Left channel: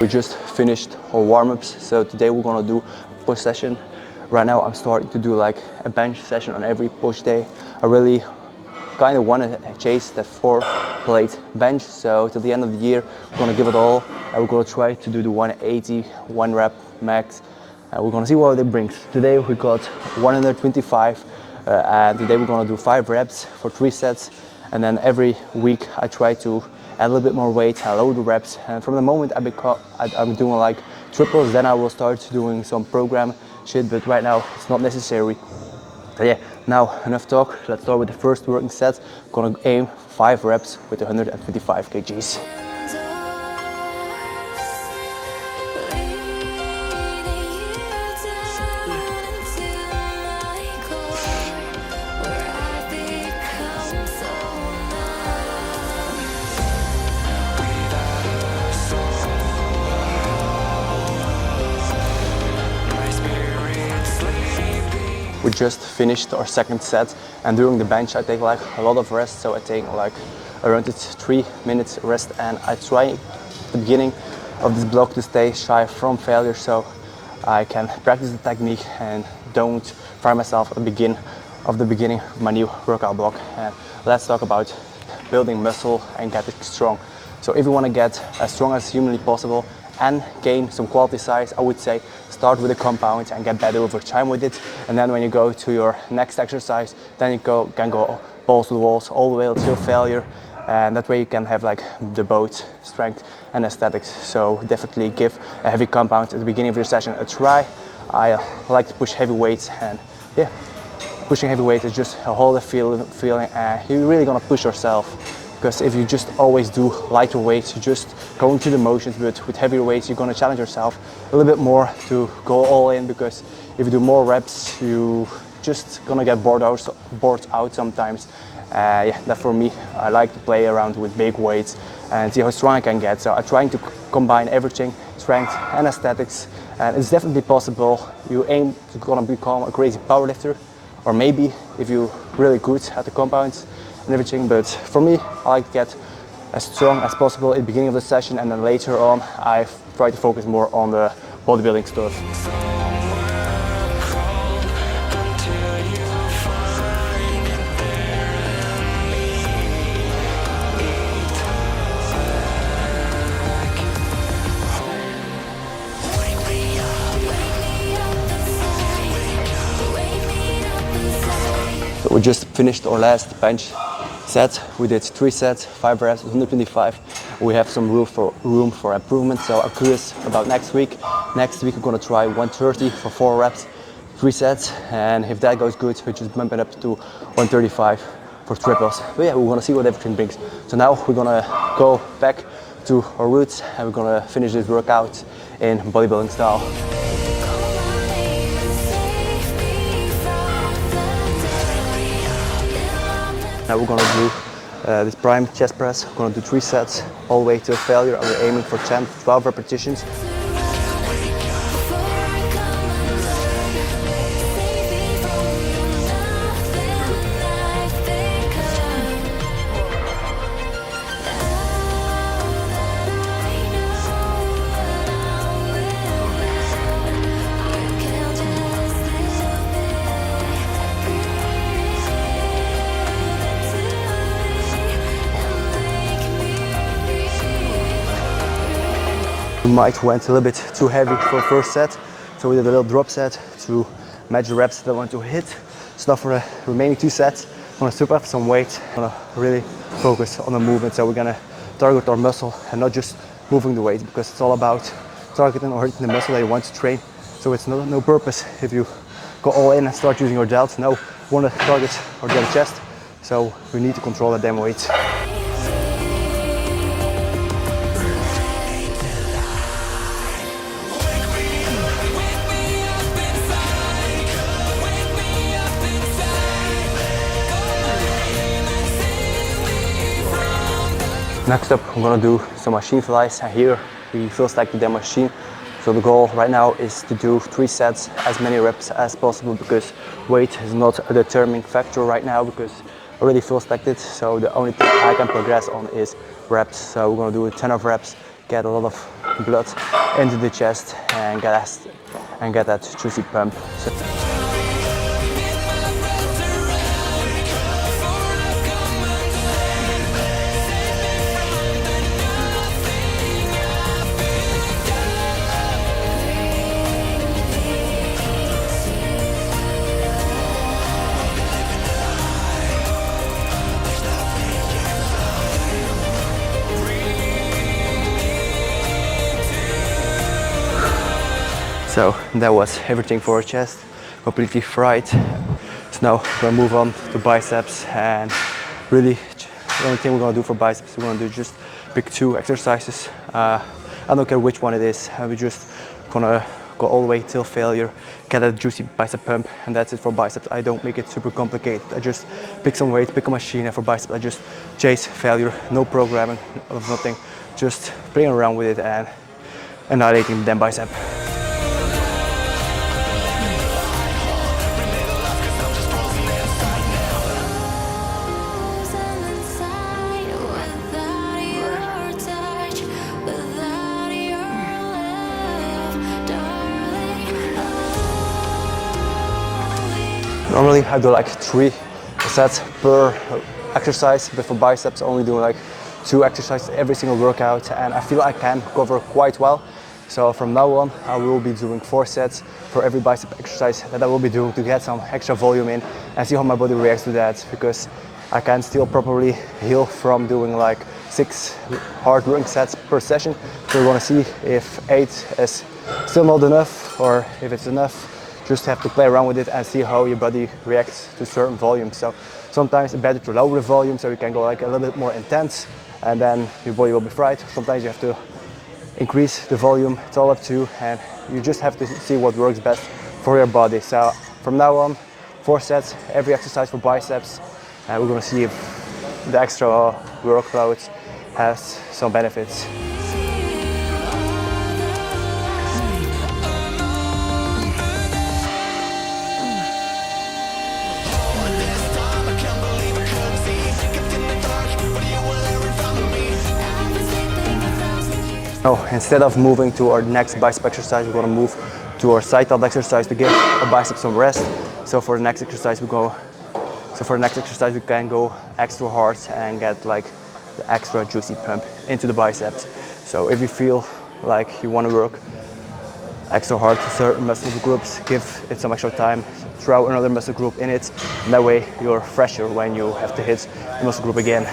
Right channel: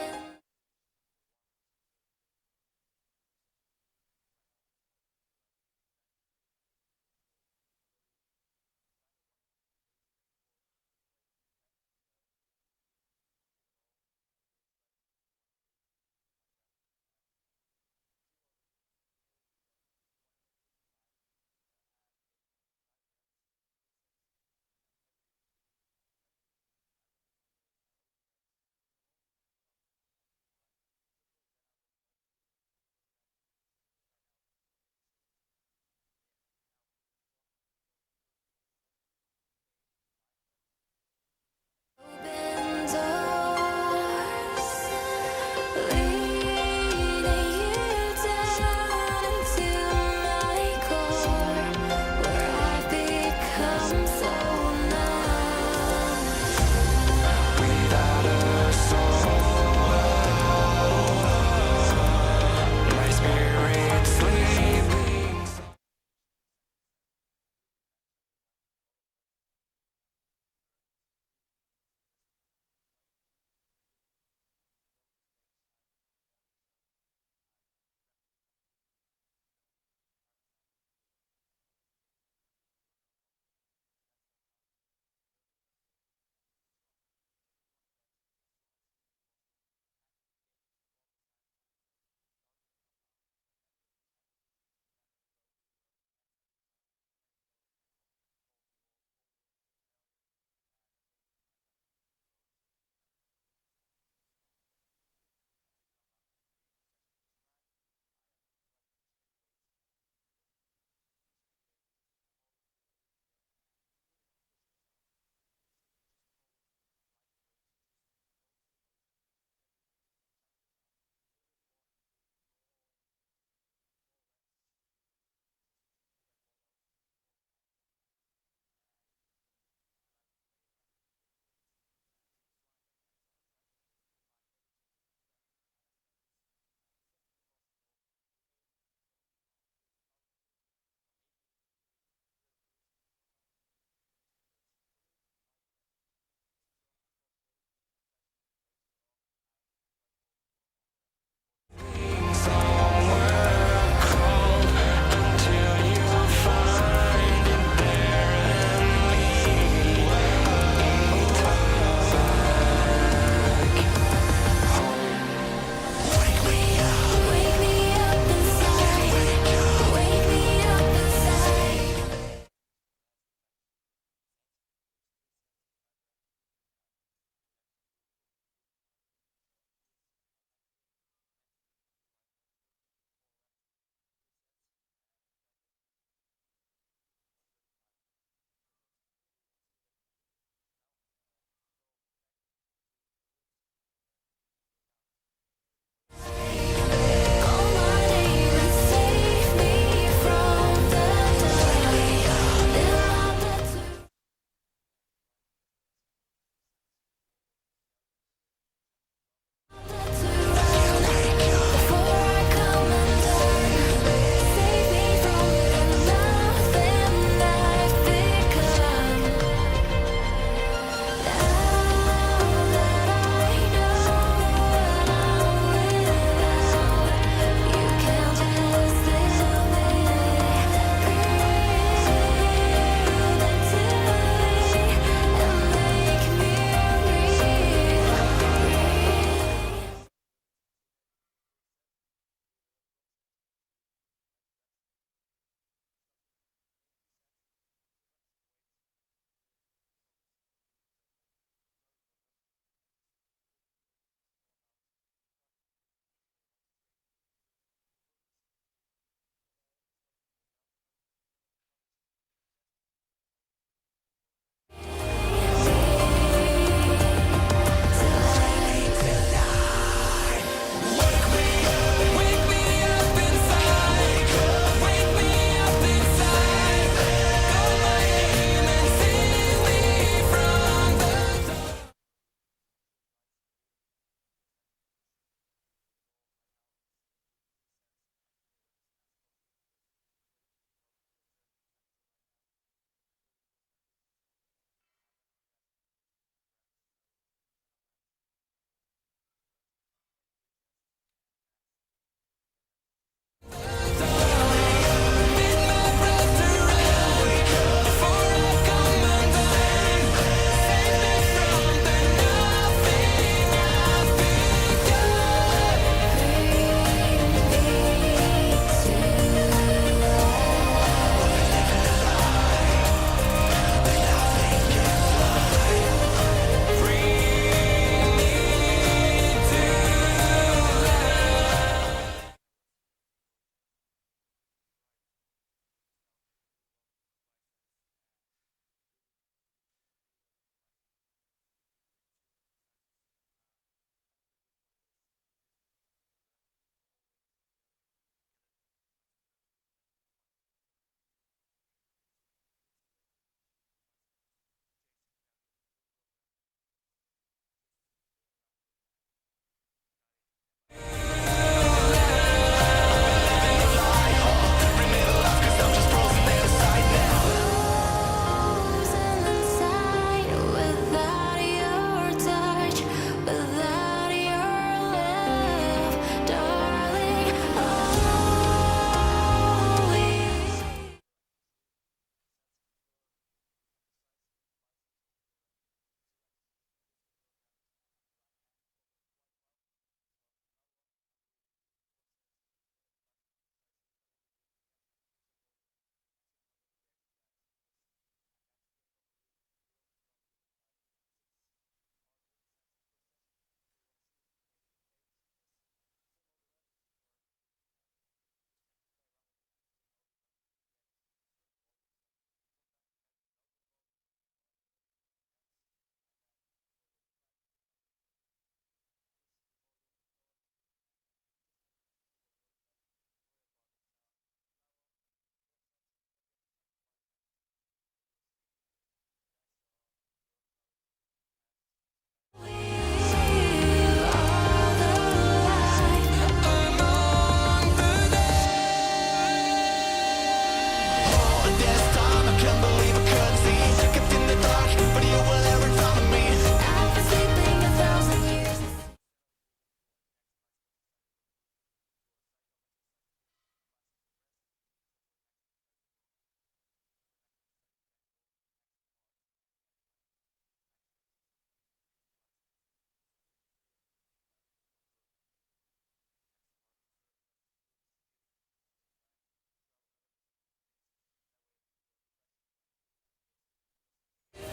We just finished our warm-ups, so today we're gonna do a push session. Right now I'm starting to do like a bench session on every push day. I really kind of want to chase that 4-plate bench, so till the end of the year we're gonna give it all and we're gonna try to do the 180, 1 rep max. We're gonna see what it brings. Today we got 125 and today we're gonna do 5 reps for 3 sets, and then every week I try to add a little bit more weight, I lower the reps, and from the moment I'm doing like triples, then I will start doing some program shit, but right now it's not necessary. So yeah, now enough talk, let's start with the first working set. I'm gonna aim 5 reps with 125 kgs. We just finished our second set, and during the bench I take like a lot of rest, so I take like around 3 minutes rest, and I try at the beginning of this block to stay shy from failure so I can practice the technique and don't fire myself at the beginning of my new workout block. And let's talk about building muscle and getting strong. So if you want to get as strong as humanly possible and gain some quality size, I would say start with a compound and get better over time with it. And then when you go to your next exercise, then you can go balls to the walls all the way until failure. And that way you can have like the both strength and aesthetics. So definitely give a heavy compound at the beginning of your session a try. I like to push heavy weights, and yeah, pushing heavy weight is just a whole feeling, and you're really gonna push yourself. Because if you just always do lighter weights, you just go into the motions, but with heavier weights, you're gonna challenge yourself a little bit more to go all in, because if you do more reps, you just gonna get bored out sometimes. Yeah, that for me, I like to play around with big weights and see how strong I can get. So I'm trying to combine everything, strength and aesthetics, and it's definitely possible. You aim to gonna become a crazy powerlifter, or maybe if you're really good at the compounds and everything, but for me, I like to get as strong as possible at the beginning of the session, and then later on, I try to focus more on the bodybuilding stuff. So we just finished our last bench set. We did 3 sets, 5 reps, 125. We have some room for improvement, so I'm curious about next week. Next week we're gonna try 130 for 4 reps, 3 sets, and if that goes good, we just bump it up to 135 for triples. But yeah, we're gonna see what everything brings. So now we're gonna go back to our roots, and we're gonna finish this workout in bodybuilding style. Now we're gonna do this prime chest press. We're gonna do 3 sets all the way to failure, and we're aiming for 10 to 12 repetitions. We might went a little bit too heavy for the first set, so we did a little drop set to match the reps that I want to hit. So now for the remaining 2 sets, I'm gonna strip up some weight. I'm gonna really focus on the movement, so we're gonna target our muscle and not just moving the weight, because it's all about targeting or hitting the muscle that you want to train. So it's no purpose if you go all in and start using your delts. No, we wanna target our delta chest, so we need to control that damn weight. Next up, I'm gonna do some machine flies, and here we feel like the machine. So the goal right now is to do 3 sets, as many reps as possible, because weight is not a determining factor right now, because I really feel stagnant. So the only thing I can progress on is reps. So we're gonna do 10 of reps, get a lot of blood into the chest and get that juicy pump. So that was everything for our chest, completely fried. So now we're gonna move on to biceps, and really the only thing we're gonna do for biceps, we're gonna do just pick 2 exercises. I don't care which one it is, we're just gonna go all the way till failure, get a juicy bicep pump, and that's it for biceps. I don't make it super complicated. I just pick some weight, pick a machine, and for biceps I just chase failure, no programming of nothing, just playing around with it and annihilating the damn bicep. Normally I do like 3 sets per exercise, but for biceps only do like 2 exercises every single workout, and I feel I can cover quite well. So from now on I will be doing 4 sets for every bicep exercise that I will be doing to get some extra volume in and see how my body reacts to that, because I can still properly heal from doing like 6 hard rowing sets per session. So we're gonna see if 8 is still not enough or if it's enough. Just have to play around with it and see how your body reacts to certain volumes. So sometimes it's better to lower the volume so you can go like a little bit more intense and then your body will be fried. Sometimes you have to increase the volume. It's all up to you, and you just have to see what works best for your body. So from now on, 4 sets, every exercise for biceps, and we're gonna see if the extra workload has some benefits. Oh, instead of moving to our next bicep exercise, we're gonna move to our side tilt exercise to give our biceps some rest. So for the next exercise, we can go extra hard and get like the extra juicy pump into the biceps. So if you feel like you want to work extra hard to certain muscle groups, give it some extra time, throw another muscle group in it, and that way you're fresher when you have to hit the muscle group again.